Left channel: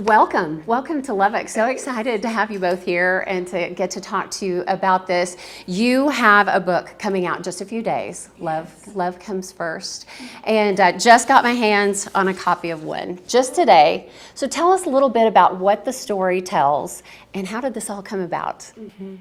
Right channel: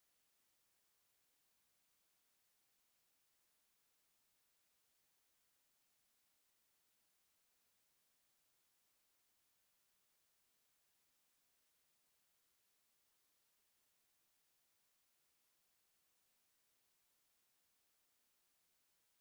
Welcome to Lubbock. So excited to have you both here and to get to talk to you about this. You have a book coming out in just a few days. Love Comes First. And just got my hands on a copy of one just today. So tell us a little bit about what the story tells and how did this all come about? Mm-hmm.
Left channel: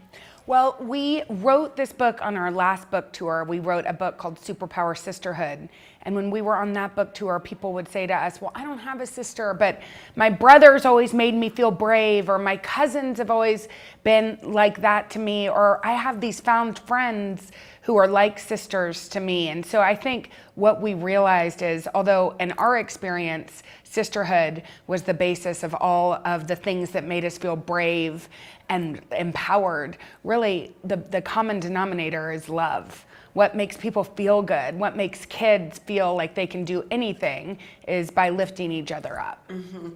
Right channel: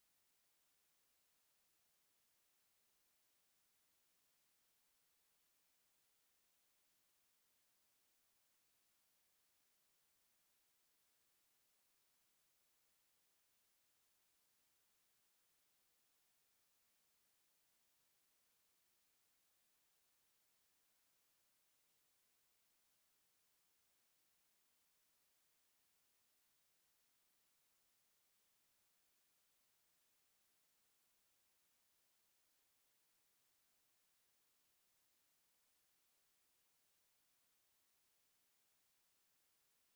Well, we wrote this book on our last book tour. We wrote a book called Superpower Sisterhood. And when we were on that book tour, people would say to us, well, I don't have a sister, but my brothers always made me feel brave, or my cousins have always been like that to me, or I have these found friends who are like sisters to me. And so I think what we realized is, although in our experience, sisterhood was the basis of all of the things that made us feel brave and empowered, really the common denominator is love. What makes people feel good, what makes kids feel like they can do anything is by lifting each other up. Mm-hmm.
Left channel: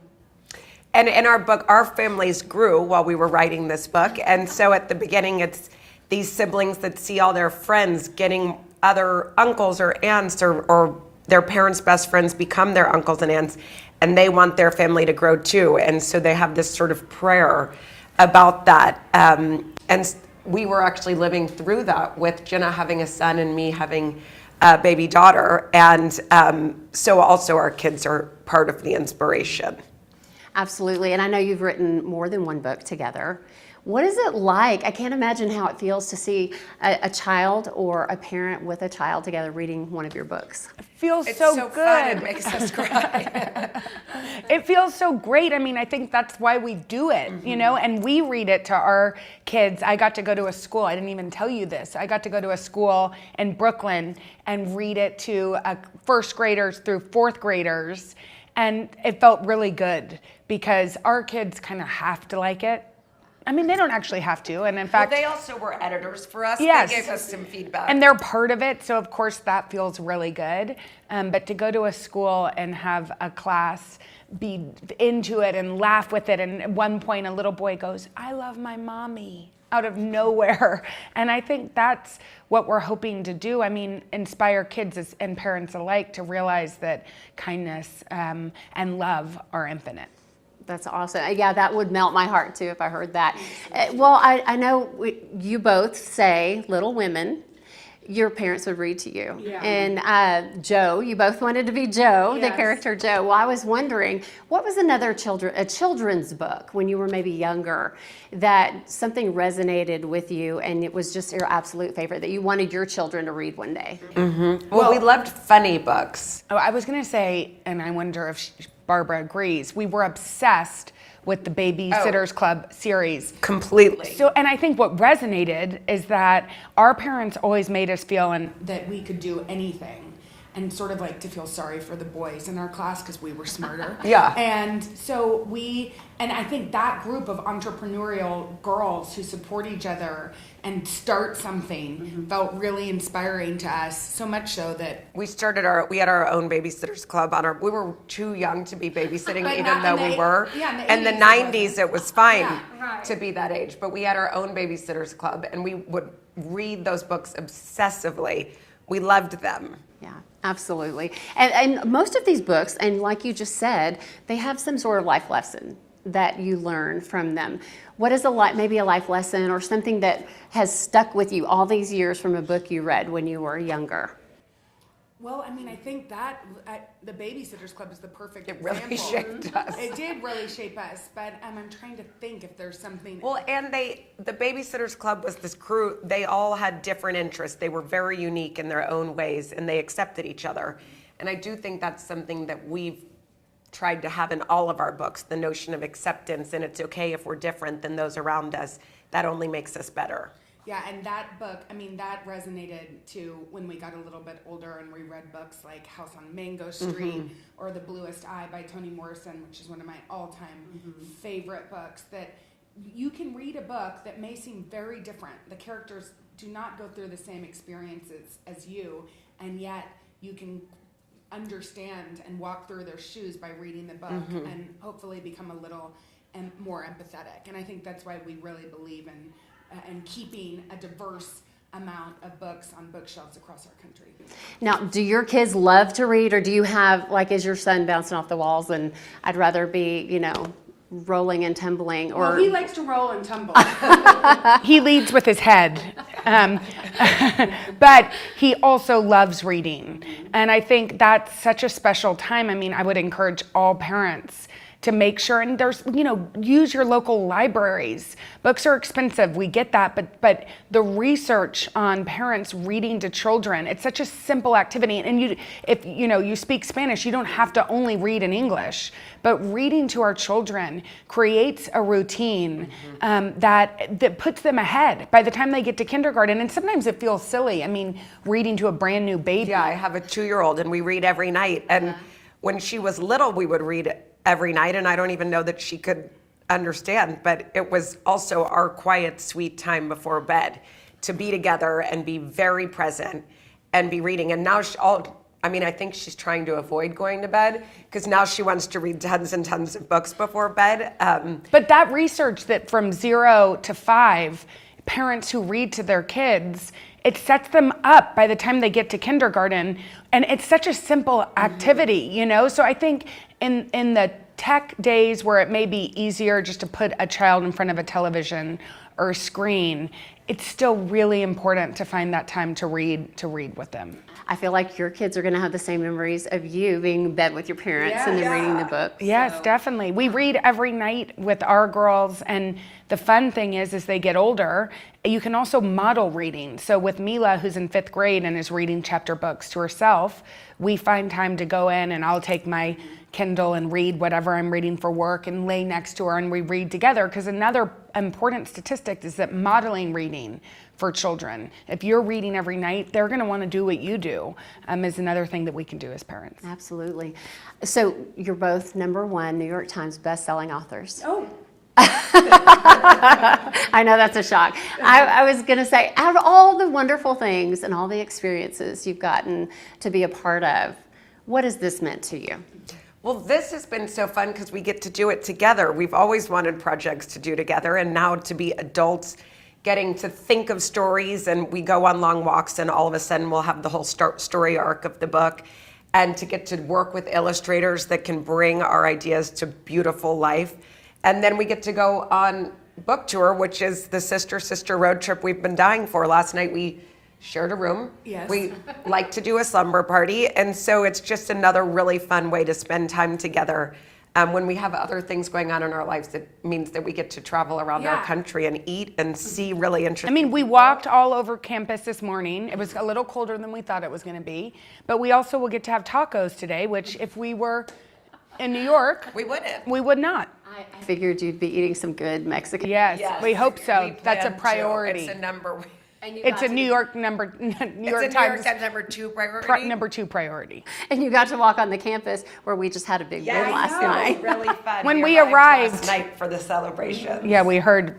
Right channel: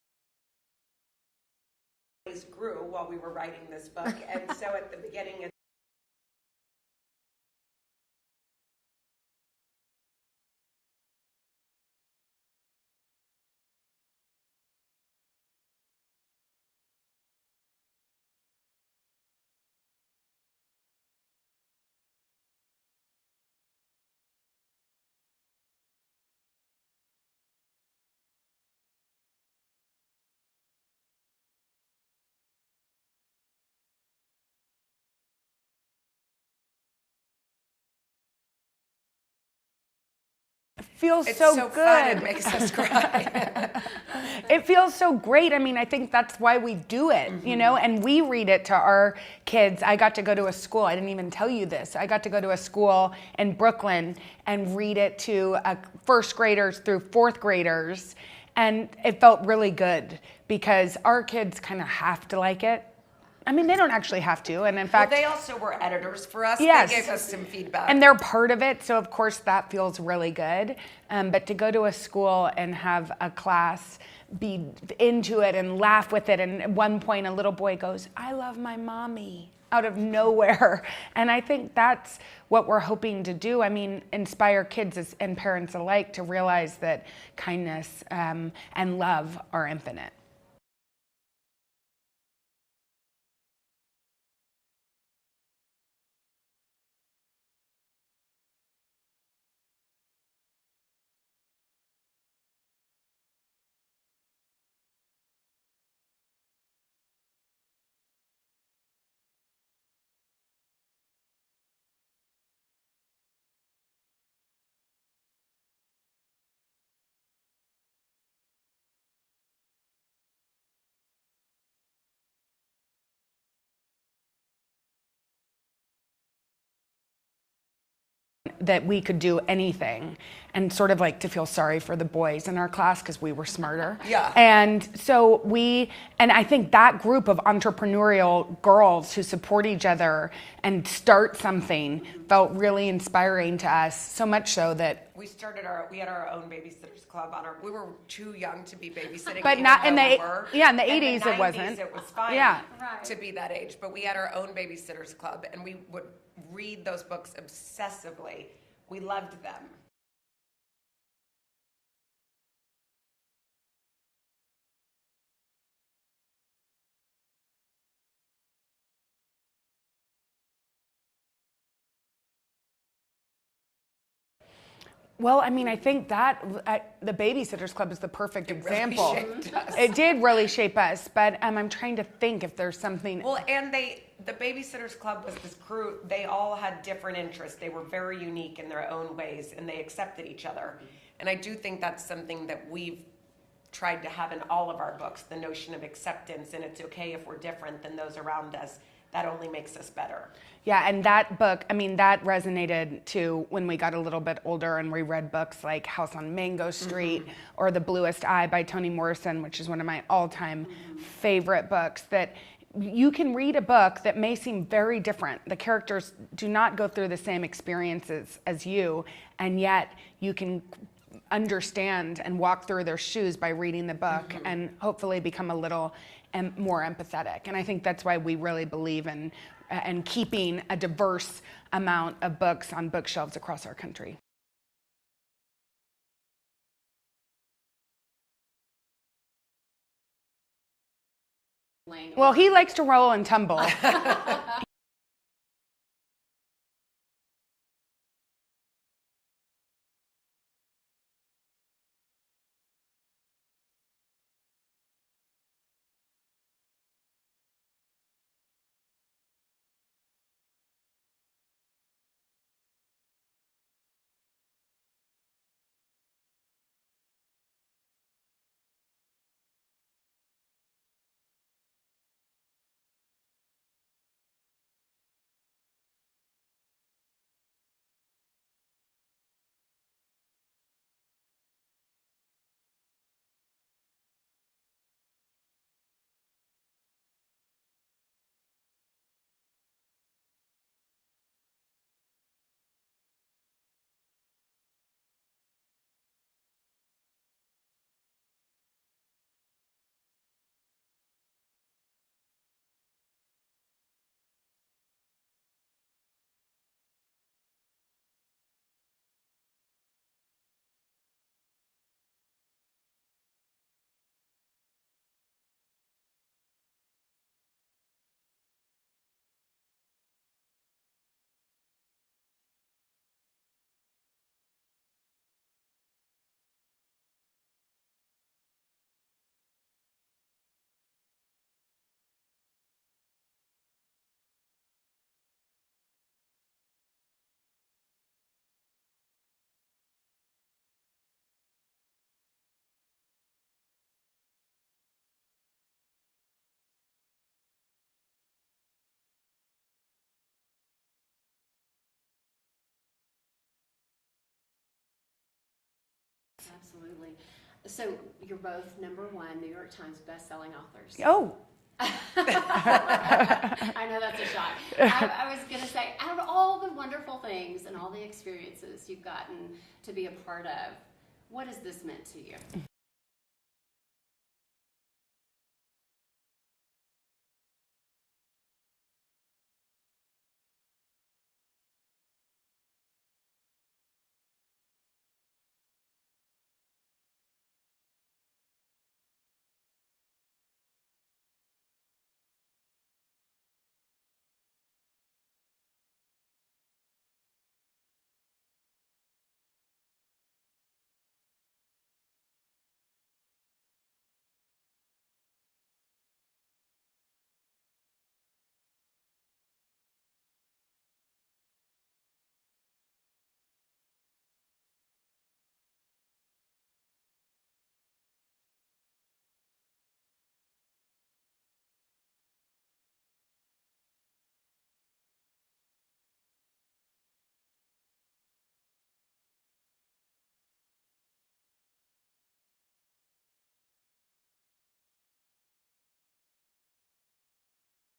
And in our book, our families grew while we were writing this book. And so at the beginning, it's these siblings that see all their friends getting other uncles or aunts or their parents' best friends become their uncles and aunts, and they want their family to grow too. And so they have this sort of prayer about that. And we were actually living through that with Jenna having a son and me having a baby daughter. And so also our kids are part of the inspiration. Absolutely. And I know you've written more than one book together. What is it like? I can't imagine how it feels to see a child or a parent with a child together reading one of your books. It feels It's so so good. fun. It makes us cry. It feels so great. I mean, I think that's why we do it, you know, and we read it to our kids. I got to go to a school. I didn't even tell you this. I got to go to a school in Brooklyn and read it to first graders through fourth graders. And it felt really good because our kids kind of have to like it. I mean, they don't actually have to, and in fact... Well, they also were editors for us. Yes. They gave us some feedback. And they're part of it, so of course that feels really good. But to go to a school and have a class be into it and laugh with it, and at one point a little boy goes, I love my mommy, out of nowhere. And I think that's what we're hoping to do. I mean, inspire kids and parents alike to realize that kindness and love are infinite. That's awesome. Yeah, that would melt my heart too if I heard that. Well, I know you both say Little Women. Your parents would read to you. Yeah. And Joe, you both wanted to be Joe, Yes. the character Joe. Well, I was wondering, what was another children's book when you were maybe younger that something resonated with you and it was just your absolute favorite that you wanted your children to read one day? Mm-hmm. Well, we loved funny books. Oh, I was going to say, and I wonder if Barbara agrees, we were obsessed with the Babysitters Club series. Completely. So, and I think what resonated is that our parents always made us feel that we could do anything, and sort of like to feel sorry for the boys in our class because we were smarter. Yeah. And so and I think that group of entrepreneurial girls who support each other and start something felt really inspiring to us, so much so that we had our own Babysitters Club we were too young to be babysitting, But even not though in we were. Yeah, in the 80s and the it 90s wasn't. it was fine Yeah. to be that age. But we had our own Babysitters Club and we would read those books obsessively. We loved them. Yeah, absolutely. And most of these books, and like you just said, they have some sort of life lesson that you learn from them. What is maybe a life lesson or something that has stuck with you all these years from a book you read when you were younger? Well, I mean, I think that the Babysitters Club is the perfect example. Really shaped us. It did really shape us, but I'm trying to think if there's something. Well, and the Babysitters Club was this crew. They all had different interests. They were very unique in their own ways, and they accepted each other. And I do think that's something that we've tried to have in all of our books, the notion of acceptance, and it's okay if we're different than those around us. That only makes us better. Yeah, and that book, I mean, that resonated too when we got a little bit older and we read books like House on Mango Street or The Bluest Eye by Toni Morrison, which is one of my all-time favorite books, that you can read a book that may seem very different. The characters do not go through the same experiences as you, and yet you can understand and walk through their shoes by reading the book and hopefully become a little more empathetic. And I think that's why we really believe in keeping a diverse amount of books on bookshelves across our country. Now, do your kids love to read, or do you have, like, is your son bouncing off the walls and I'd rather be, rolling and tumbling? Or Well, he likes to roll and tumble. He leads with his head. Um, but he also loves reading. And I think that's such a special time. I mean, I would encourage all parents to make sure, and there's, use your local libraries. Books are expensive, we get that, but the research on parents reading to children, it's such a simple activity. And if you speak Spanish, you don't have to only read in English, but reading to our children creates a routine that puts them ahead by the time they get to kindergarten. And sometimes it feels silly. I mean, reading to a brand new baby. Yeah, I have a 2-year-old and we read every night. And when she was little, we would read every night, and I don't even know that she could understand, but it was also our quiet, sweet time before bed to be together and be very present and be reading. And now I think she's trying to avoid going to bed because now she wants to read tons and tons of books before bed. But that research that from 0 to 5, parents who read to their kids, it sets them up by the time they get to kindergarten. And it's such a simple activity, So I think in the tech days where it may be easier just to put a child in front of a television or a screen, it's still really important to find that time to read with them. I feel like your kids are going to have the same memories of you being in bed with your parents and then reading the book. Yes, definitely. We read every night with our girls, and the fun thing is as they get older, you can also model reading. So with Mila, who's in 5th grade and is reading chapter books to herself, we find time to go in and I'll take my Kindle and read whatever I'm reading for work and lay next to her and we read together. Because another important statistic is that modeling reading for children, if you're reading every night, they're going to want to do what you do, is another thing that we can do as parents. Absolutely. So you're both #1 New York Times best-selling authors. Oh. I know that's a shock. I was going to say, out of all the wonderful things and all the experiences you've gotten to be a part of, what has this meant to you? Well, this has been so fun because we get to do it together. We've always wanted projects to do together, and now to be adults getting to think of stories, and we go on long walks and all of a sudden we'll have the whole story arc of the book, and to get to work with illustrators that can bring our ideas to beautiful life. And then we get to go on book tour, which is the sister road trip we've been dying for. Last night we shared a room. Yes. We like to do a slumber party, and so it's just another really fun way to spend time together. When we have other things going on in our lives, it means that we get to travel around our country and eat and see really interesting. I mean, we walked all over campus this morning. It was a little colder than we thought it was going to be, but we also will get to have tacos today, which if we were in New York, we wouldn't. we would not. I figured you'd be eating some good Mexican. Yes, we hope so. We That's a plan to. priority. It's a number. It's a New York Times New York Times #2 priority. number 2 priority. And you got to walk on the campus where we just had a big win last night. It was really fun. When we arrived arrived- last night for the celebration. Yeah, we heard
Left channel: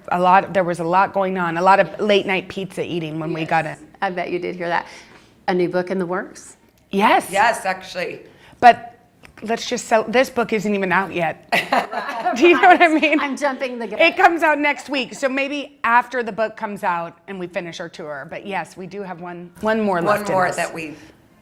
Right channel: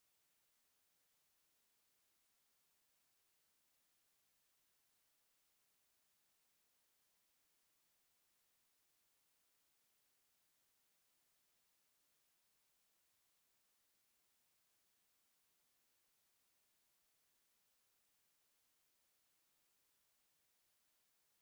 there was a lot going on, a lot of late night pizza eating when we got in. I bet you did hear that. A new book in the works? Yes. Yes, actually. But let's just sell, this book isn't even out yet. Do you know what I mean? I'm jumping the gun. It comes out next week, so maybe after the book comes out and we finish our tour. But yes, we do have one more left. One more in us. that we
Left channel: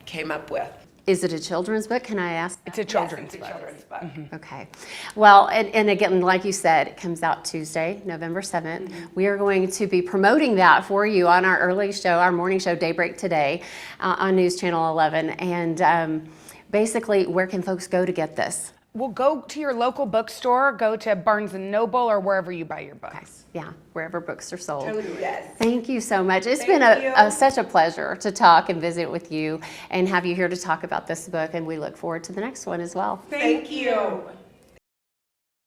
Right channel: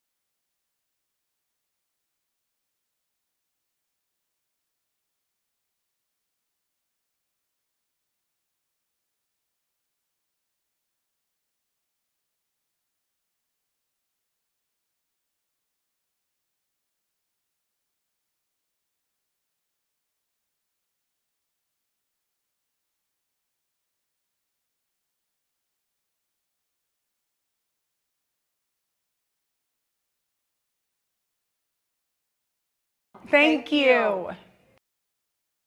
came up with. Is it a children's book? Can I ask? It's a children's Yes, it's a book. children's book. Okay. Well, and again, like you said, it comes out Tuesday, November 7th. We are going to be promoting that for you on our early show, our morning show, Daybreak Today, on News Channel 11. And basically, where can folks go to get this? Well, go to your local bookstore, go to Barnes & Noble or wherever you buy your books. Yeah, wherever books are sold. Yes. Thank you so much. It's Thank been you. such a pleasure to talk and visit with you and have you here to talk about this book. And we look forward to the next one as well. Thank you.